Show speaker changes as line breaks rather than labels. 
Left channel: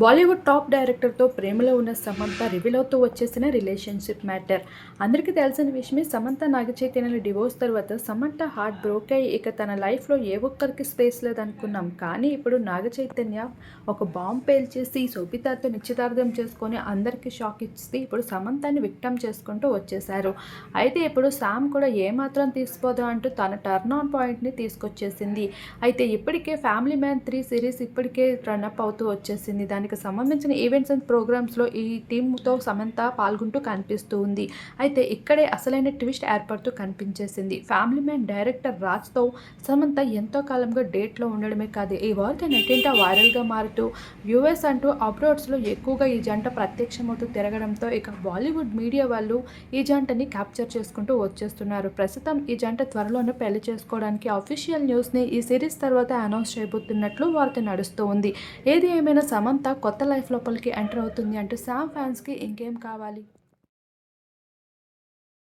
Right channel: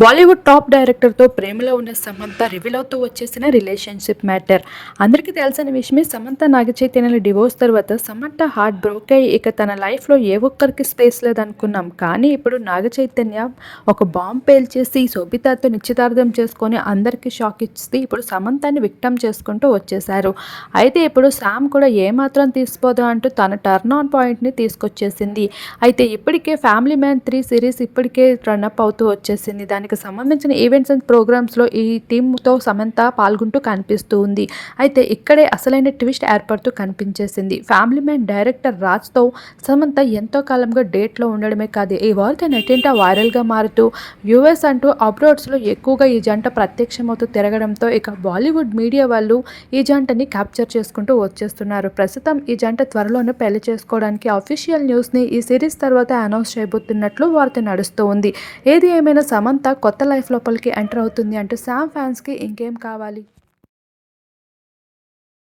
Bollywood top డైరెక్టర్తో ప్రేమలో ఉన్న Samantha reveal అవుతూ వచ్చేసిన రిలేషన్షిప్ మ్యాటర్. అందరికీ తెలిసిన విషయమే సమంత నాగచైతన్యాల డివోర్స్ తర్వాత సమంత హార్ట్ బ్రోక్ అయ్యి ఇక తన లైఫ్లో ఏ ఒక్కరికి స్పేస్ లేదనుకున్నాం. కానీ ఇప్పుడు నాగచైతన్య ఒక బాంబ్ పేల్చేసి శోభితాతో నిశ్చితార్థం చేసుకొని అందరికీ షాక్ ఇచ్చి ఇప్పుడు సమంతాన్ని విక్టమ్ చేసుకుంటూ వచ్చేశారు. అయితే ఇప్పుడు శామ్ కూడా ఏమాత్రం తీసిపోదు అంటూ తన టర్న్ ఆన్ పాయింట్ని తీసుకొచ్చేసింది. అయితే ఇప్పటికే ఫ్యామిలీ మ్యాన్ త్రీ సిరీస్ ఇప్పటికే రన్అప్ అవుతూ వచ్చేసింది. దాని దానికి సంబంధించిన ఈవెంట్స్ అండ్ ప్రోగ్రామ్స్లో ఈ టీమ్తో సమంత పాల్గొంటూ కనిపిస్తూ ఉంది. అయితే ఇక్కడే అసలైన ట్విస్ట్ ఏర్పడుతూ కనిపించేసింది. ఫ్యామిలీ మ్యాన్ డైరెక్టర్ రాజ్తో సమంత ఎంతో కాలంగా డేట్లో ఉండడమే కాదు ఈ వార్త నెట్టింట వైరల్గా మారుతూ యూఎస్ అంటూ అబ్రోడ్స్లో ఎక్కువగా ఈ జంట ప్రత్యక్షమవుతూ తిరగడంతో ఇక బాలీవుడ్ మీడియా వాళ్ళు ఈ జంటని క్యాప్చర్ చేసుకుంటూ వచ్చేస్తున్నారు. ప్రస్తుతం ఈ జంట త్వరలోనే పెళ్ళి చేసుకోవడానికి అఫీషియల్ న్యూస్ని ఈ సిరీస్ తర్వాత అనౌన్స్ చేయబోతున్నట్లు వార్త నడుస్తూ ఉంది. ఏది ఏమైనా సమంత కొత్త లైఫ్ లోపలికి ఎంటర్ అవుతుంది అంటూ శామ్ ఫ్యాన్స్కి ఇంకేం కావాలి?